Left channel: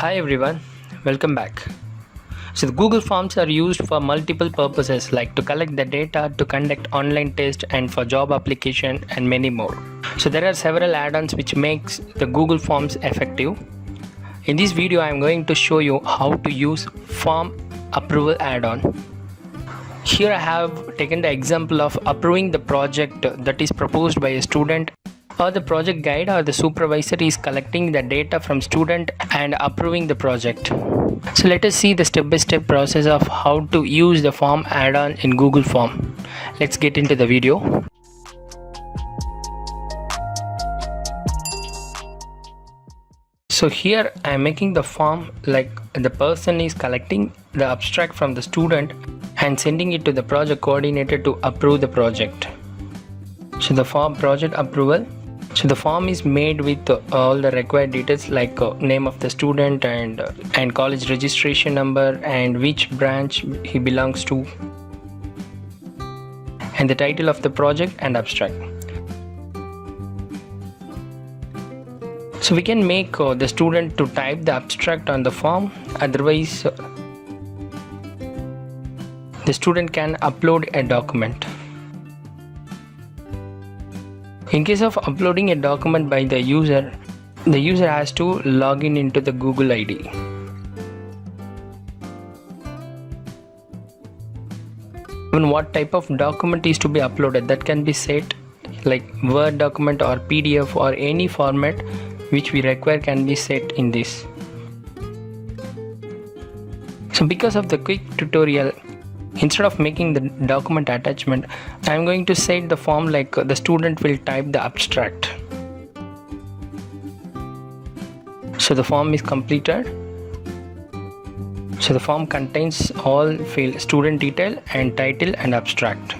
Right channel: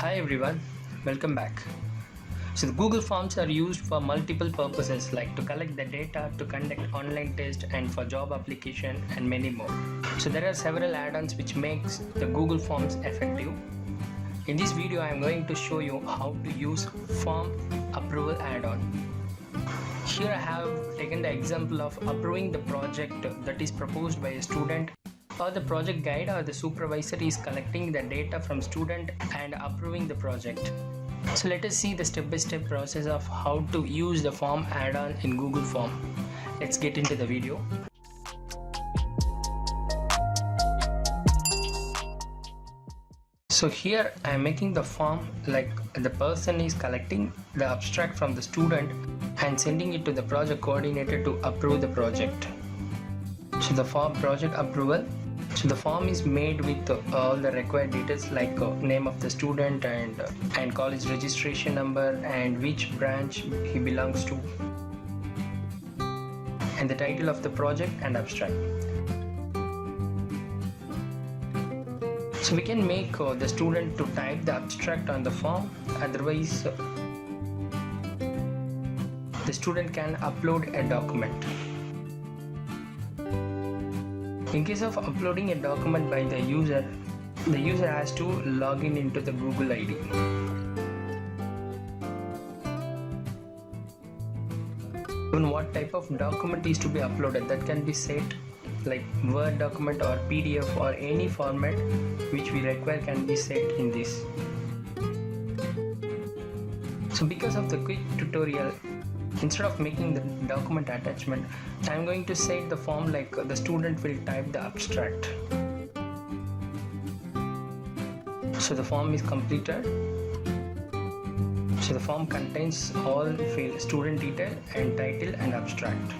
Hi everyone, welcome back. So the Google Forms are used for multiple purposes like to collect the data, to conduct online tests and for job application and many more. So there are several add-ons which makes the Google Forms effective. In this video I am going to show you how to use form approval add-on. Here I have taken the example of approving the project that is proposed by a student, or the project guide or the supervisor is collecting the data from student and approving the project. So let us see the step-by-step process of how to use the form add-on in Google Form. Let's get into the video. So here I am making the form like the person is collecting the abstract from the student and sending it to the project coordinator to approve the project. So the form project approval. So the form is made with all the required details like name of the student and college registration number and which branch he belongs to, and the title of the project and abstract. So we can make the student to type the abstract on the form, otherwise the student can upload a document. In case of uploading a document by the user has to log in into the Google ID. Even what type of document is to be uploaded, that can be set like Word document or PDF or any format which we require can be set in this. So because of the quick tutorial, instead of making the document attachment, I am going to set the form like the student will type the abstract. So the form is completed. So the form contains all fields: student detail and title and abstract.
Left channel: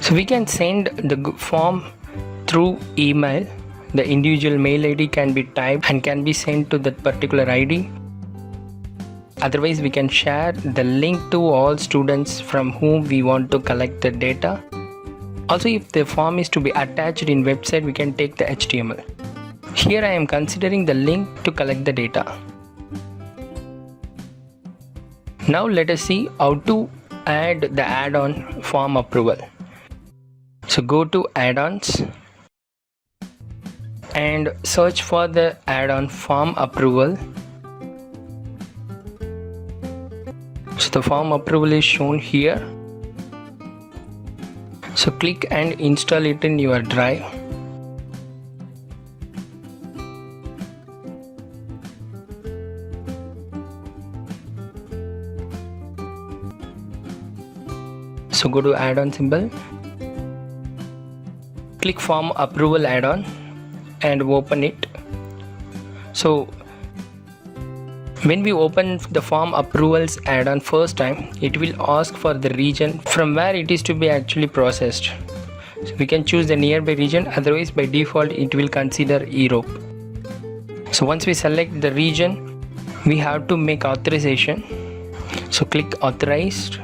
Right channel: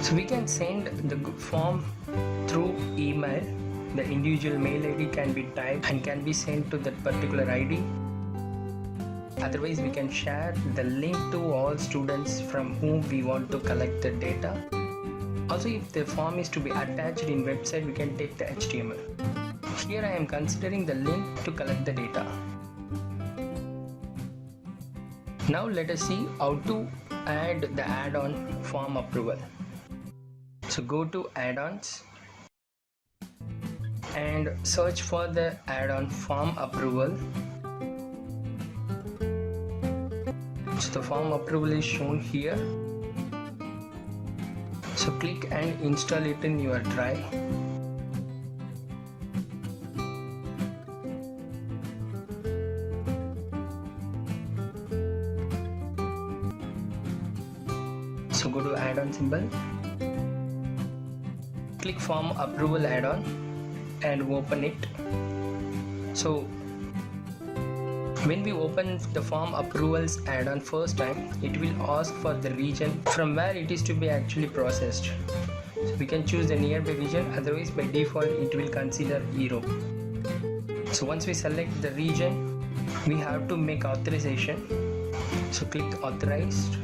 So we can send the form through email. The individual mail ID can be typed and can be sent to that particular ID. Otherwise, we can share the link to all students from whom we want to collect the data. Also, if the form is to be attached in website, we can take the HTML. Here I am considering the link to collect the data. Now let us see how to add the add-on form approval. So go to add-ons and search for the add-on form approval. So the form approval is shown here. So click and install it in your drive. So go to add-on symbol, click form approval add-on and open it. So when we open the form approvals add-on first time, it will ask for the region from where it is to be actually processed. So we can choose the nearby region, otherwise by default it will consider Europe. So once we select the region, we have to make authorization. So click authorized.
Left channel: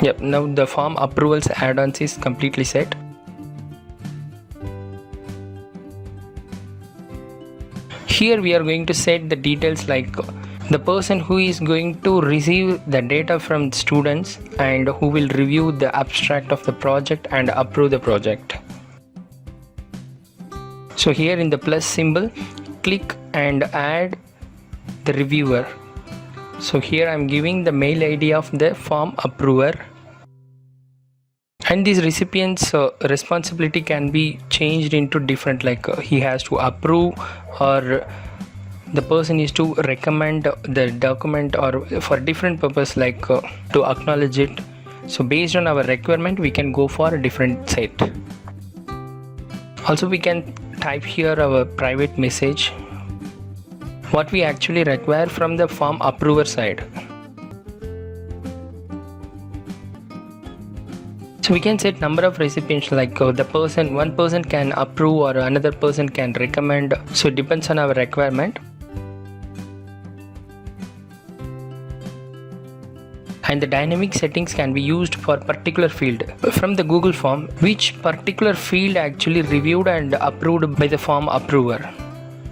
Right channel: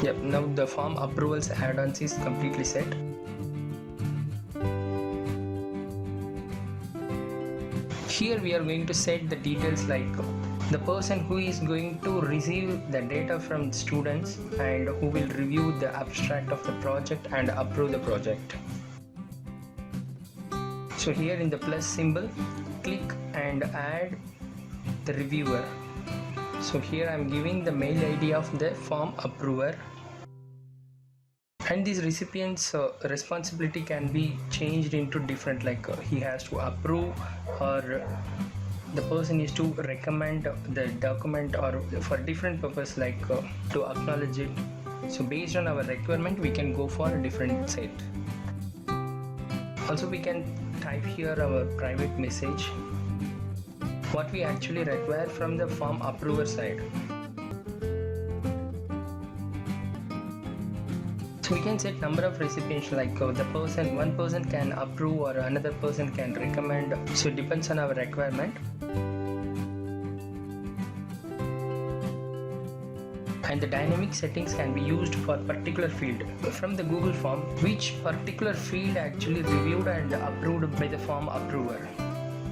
Yep, now the form approvals add-ons is completely set. Here we are going to set the details like the person who is going to receive the data from students and who will review the abstract of the project and approve the project. So here in the plus symbol, click and add the reviewer. So here I am giving the mail ID of the form approver. And this recipient's responsibility can be changed into different, like he has to approve or the person is to recommend the document or for different purpose like to acknowledge it. So based on our requirement we can go for a different set. Also we can type here our private message, what we actually require from the form approver side. So we can set number of recipients like one person can approve or another person can recommend. So it depends on our requirement. and the dynamic settings can be used for particular field. From the Google form, which particular field actually reviewed and approved by the form approver,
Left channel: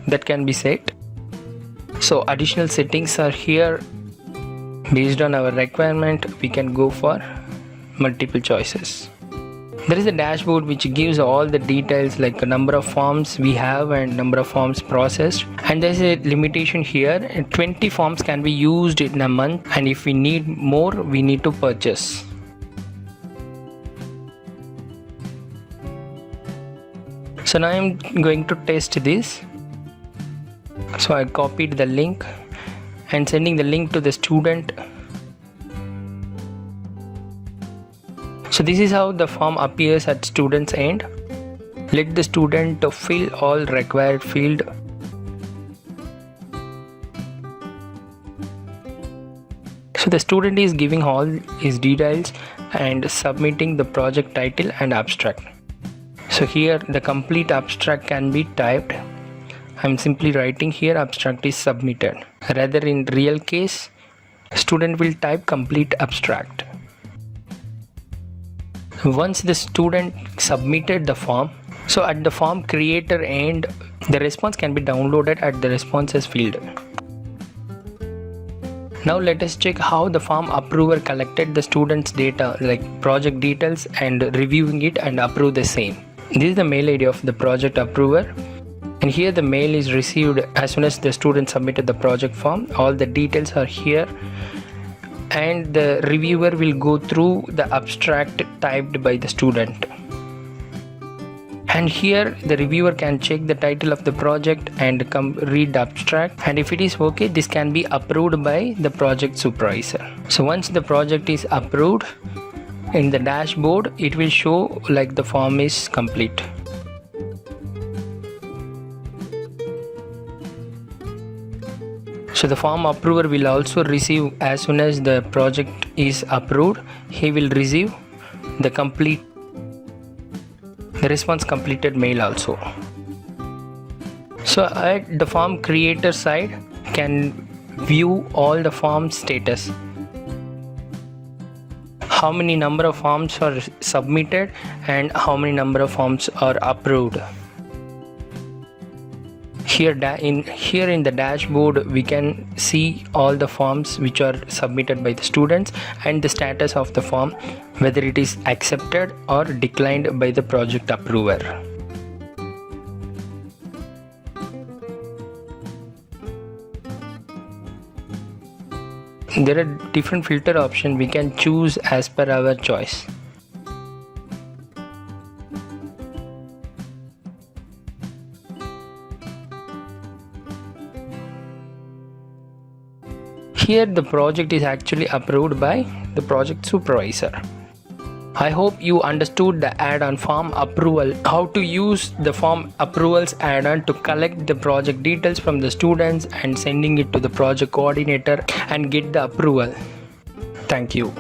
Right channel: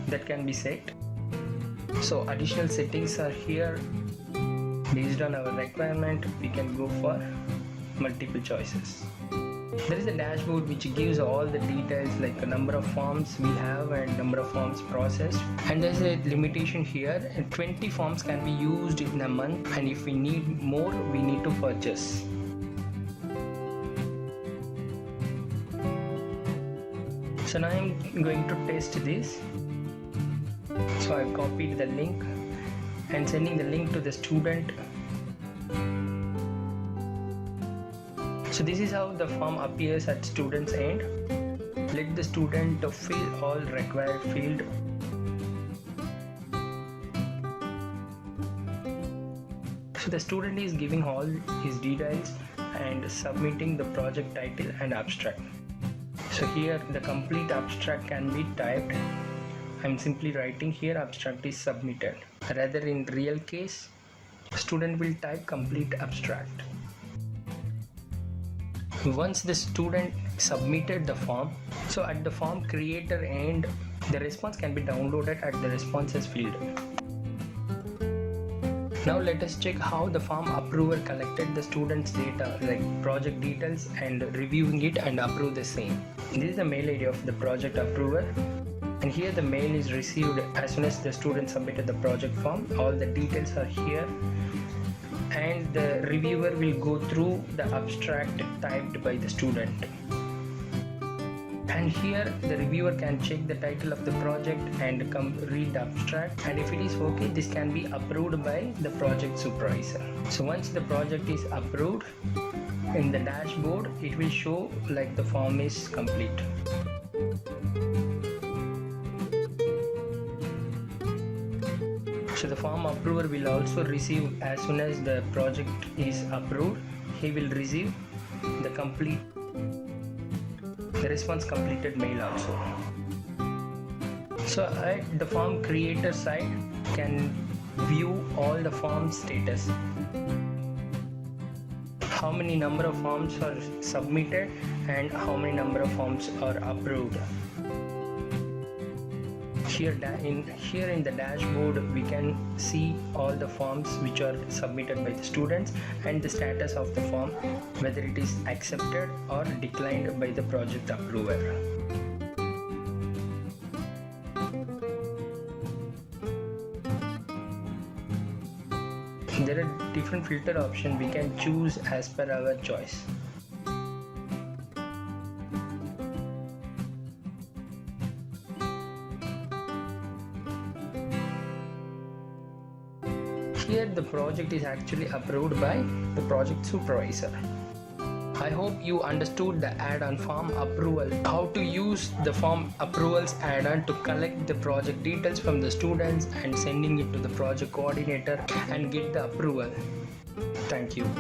that can be set. So additional settings are here. Based on our requirement, we can go for multiple choices. There is a dashboard which gives all the details like the number of forms we have and number of forms processed, and there is a limitation here. 20 forms can be used in a month, and if we need more, we need to purchase. So now I'm going to test this. So I copied the link and sending the link to the student. So this is how the form appears at student's end. Let the student fill all required field. So the student is giving all his details and submitting the project title and abstract. So here the complete abstract can be typed. I'm simply writing here abstract is submitted. Rather in real case, student will type complete abstract. Once the student submitted the form, so at the form creator end, the response can be downloaded at the responses field. Now let us check how the form approver collected the student's data like project details and reviewing it and approve the same. This is the mail ID of the project approver, and here the mail is received as soon as the student submitted the project form. All the details are here, and the reviewer will go through the abstract typed by the student. And here the reviewer can check the title of the project and read the abstract, and if it is okay, this can be approved by the project supervisor. So once the project is approved, in the dashboard it will show like the form is complete. So the form approver will also receive, as soon as the project is approved, he will receive the response completed mail also. So at the form creator side can view all the form status. How many number of forms are submitted and how many number of forms are approved. Here in the dashboard we can see all the forms which are submitted by the students and the status of the form, whether it is accepted or declined by the project approver. There are different filter options we can choose as per our choice. Here the project is actually approved by the project supervisor. I hope you understood the add-on form approval, how to use the form approvals add-on to collect the project details from the students and sending it to the project coordinator and get the approval. Thank you.